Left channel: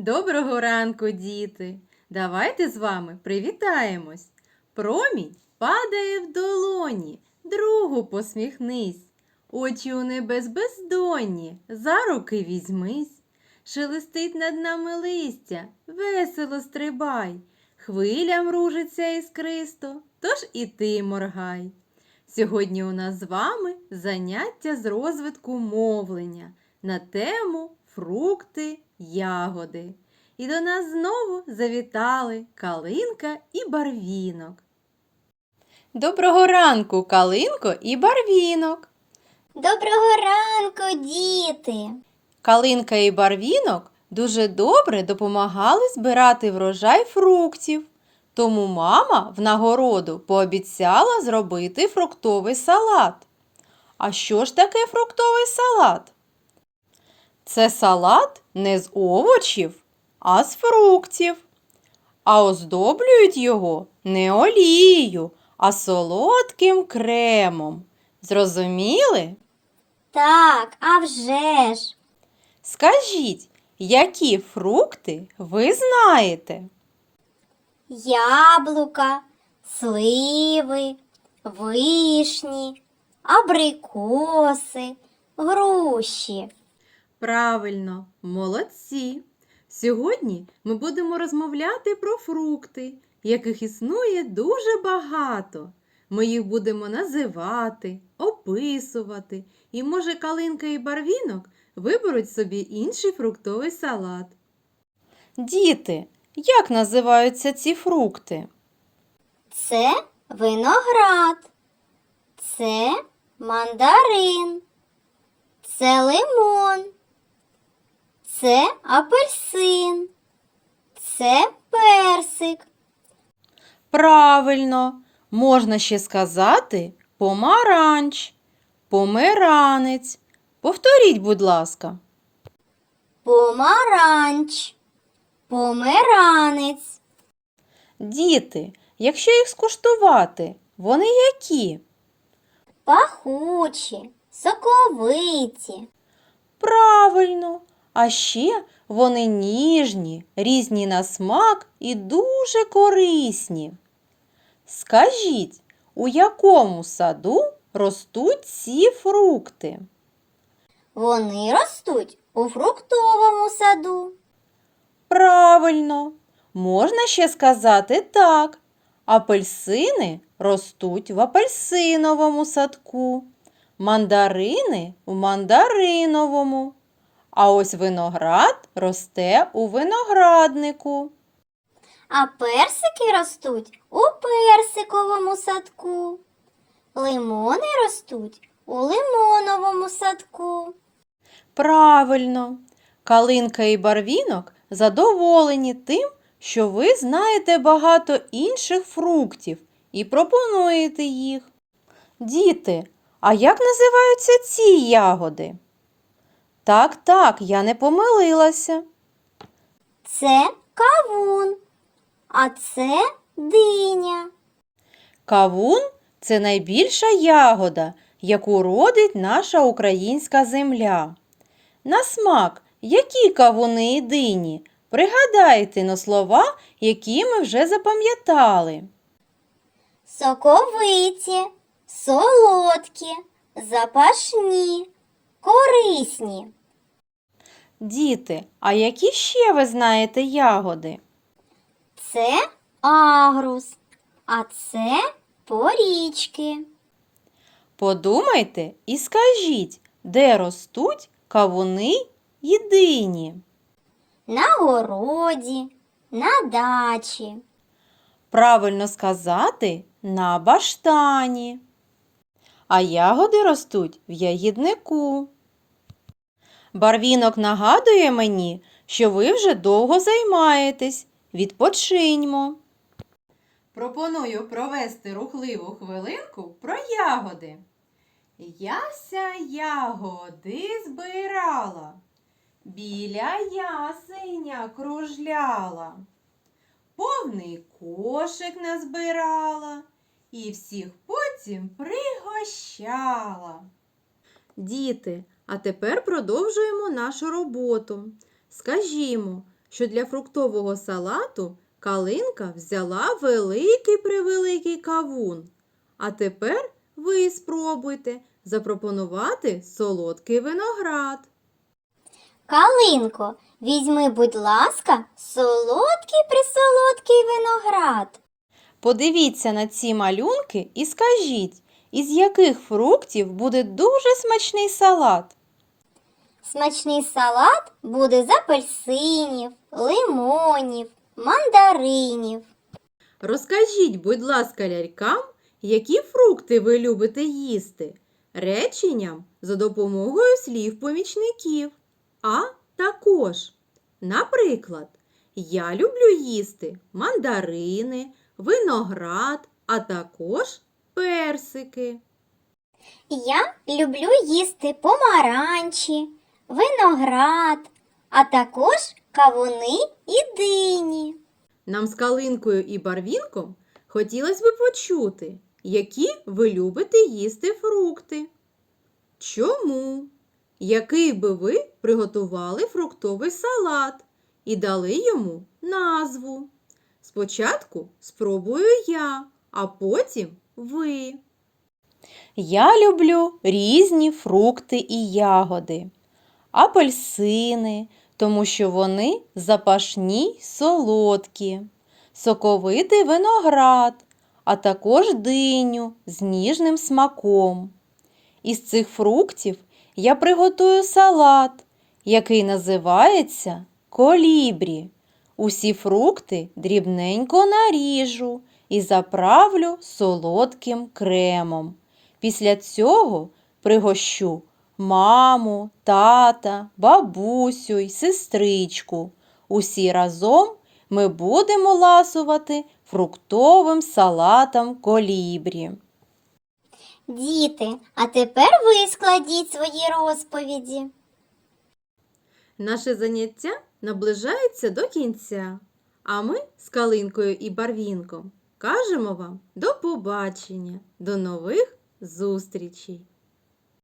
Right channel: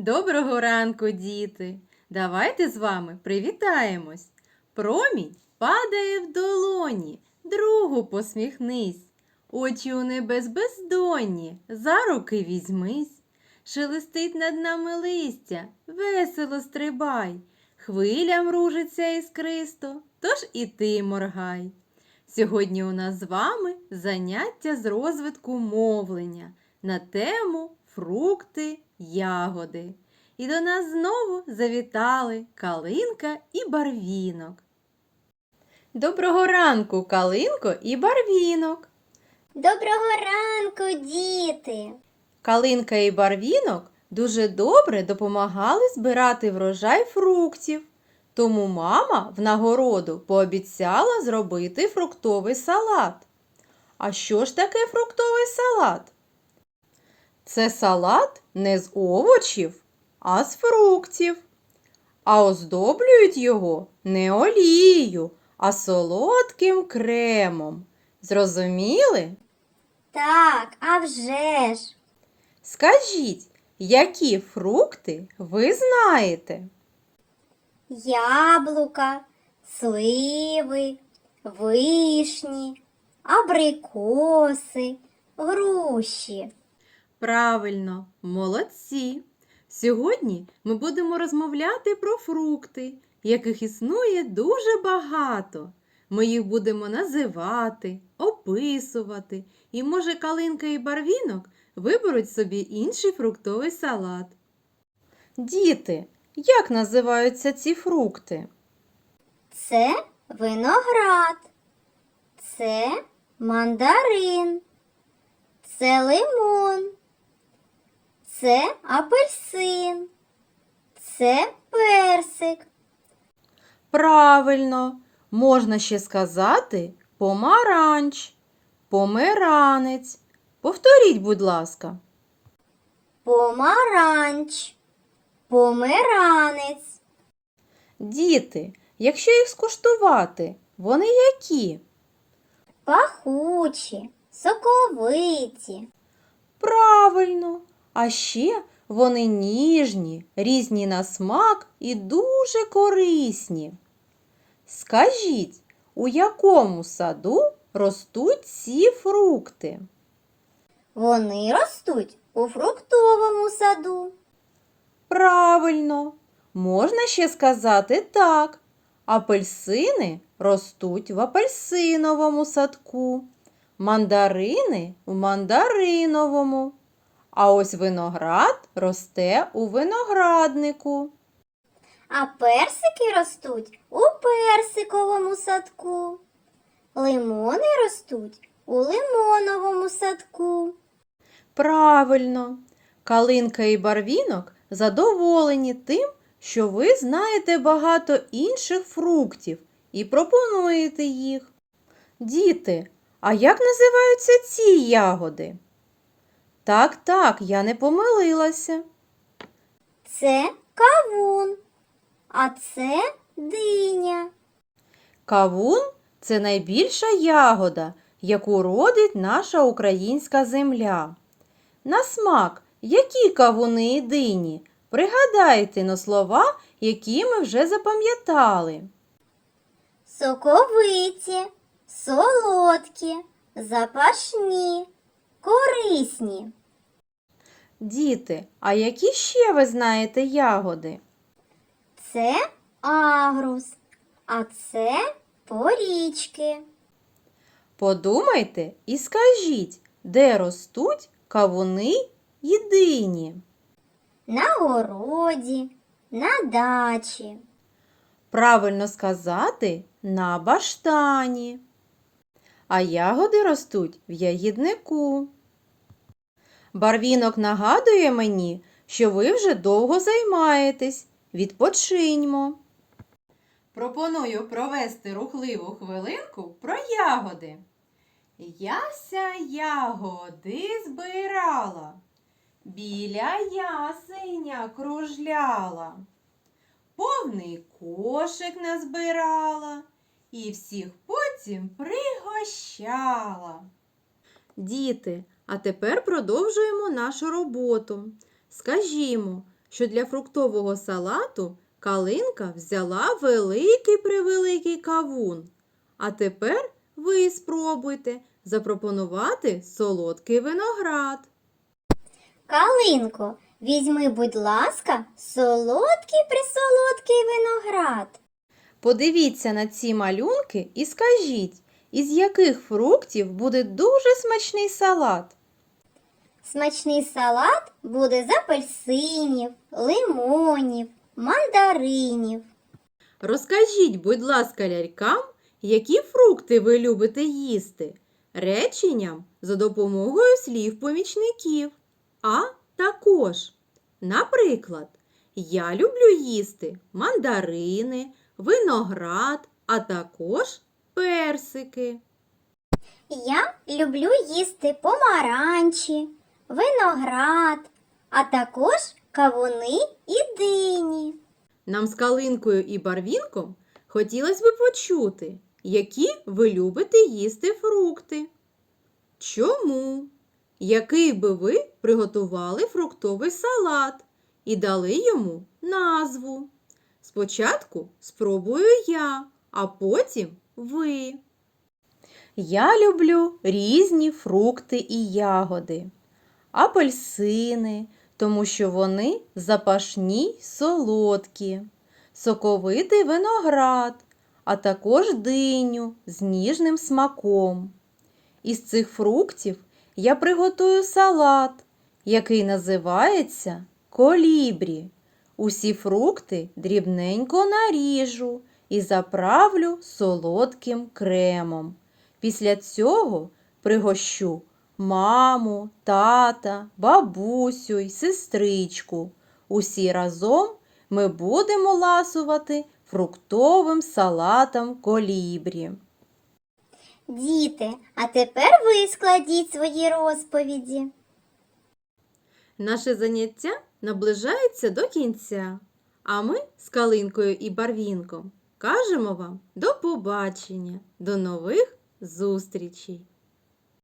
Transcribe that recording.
Доброго ранку, діти! Давайте з вами привітаємось. Промінь падає в долоні, другу посміхнись. Очі у небес бездонні, за руки візьмись. Шелестить над нами листя, весело стрибай. Хвилям ружиться іскристо, тож і ти моргай. Сьогодні у нас з вами заняття з розвитку мовлення на тему фрукти, ягоди. І до нас знову завітали калинка і барвінок. Доброго ранку, калинко і барвінок. Доброго ранку, діти! Калинка і барвінок дуже добре допомагали збирати врожай фруктів. Тому мама в нагороду пообіцяла зробити фруктовий салат. А що ж таке фруктовий салат? Це салат не з овочів, а з фруктів. А оздоблюють його не олією, а солодким кремом. Зрозуміли? Так, а вже ж! Скажіть, які фрукти ви знаєте? Яблука, сливи, вишні, абрикоси, груші. Правильно, молодці! Сьогодні ми будемо розмовляти про фрукти, яких існує дуже багато. Ми їх будемо називати, описувати, і, може, калинка і барвінок виберуть собі інший фруктовий салат. Діти, як називаються ці фрукти? Це виноград, це мандарин, це лимон, це апельсин, це персик. Правильно, можна ще сказати помаранч, померанець. Повторіть, будь ласка. Помаранч, померанець, Діти, якщо їх скуштувати, вони які? пахучі, соковиті, Правильно, а ще вони ніжні, різні на смак і дуже корисні. Скажіть, у якому саду ростуть ці фрукти? вони ростуть у фруктовому саду. Правильно, можна ще сказати так. Апельсини ростуть в апельсиновому садку, мандарини в мандариновому, а ось виноград росте у винограднику. А персики ростуть у персиковому садку. Лимони ростуть у лимоновому садку. Правильно, калинка і барвінок задоволені тим, що ви знаєте багато інших фруктів і пропонуєте їх. Діти, а як називаються ці ягоди? Так, так, я не помилилася. Це кавун, а це диня. Кавун це найбільша ягода, яку родить наша українська земля. На смак, які кавуни і дині? Пригадайте на слова, які ми вже запам'ятали. Соковиті, солодкі, запашні, корисні. Діти, а які ще ви знаєте ягоди? Це агрус, а це порічки. Подумайте і скажіть, де ростуть кавуни і дині? На городі, на дачі. Правильно сказати на баштані. А ягоди ростуть в ягіднику. Барвінок нагадує мені, що ви вже довго займаєтесь. Відпочиньмо. Пропоную провести рухливу хвилинку про ягоди. Яся ягоди збирала, біля ясеня кружляла, повний кошик назбирала і всіх потім пригощала. Діти, а тепер продовжуємо нашу роботу. Скажімо, що для фруктового салату калинка взяла великий превеликий кавун. А тепер ви спробуйте запропонувати солодкий виноград. Калинко, візьми, будь ласка, солодкий присолодкий виноград. Подивіться на ці малюнки і скажіть, із яких фруктів буде дуже смачний салат. Смачний салат буде з апельсинів, лимонів, мандаринів. Розкажіть, будь ласка, лялькам, які фрукти ви любите їсти реченням за допомогою слів-помічників. А також, наприклад, я люблю їсти мандарини, виноград, а також персики. Я люблю їсти помаранчі, виноград, а також кавуни і дині. Нам з калинкою і барвінком хотілося б почути, які ви любите їсти фрукти. Чому? Який би ви приготували фруктовий салат і дали йому назву? Спочатку спробую я, а потім ви. Я люблю різні фрукти і ягоди. Апельсини, тому що вони запашні й солодкі, соковитий виноград, а також диню з ніжним смаком. Із цих фруктів я приготую салат, який називається колібрі. Усі фрукти дрібненько наріжу і заправлю солодким кремом. Після цього пригощу маму, тата, бабусю й сестричку. Усі разом ми будемо ласувати фруктовим салатом колібрі. Діти, а тепер ви складіть свої розповіді. Наше заняття наближається до кінця, а ми з Калинкою і Барвінком кажемо вам до побачення, до нових зустрічей!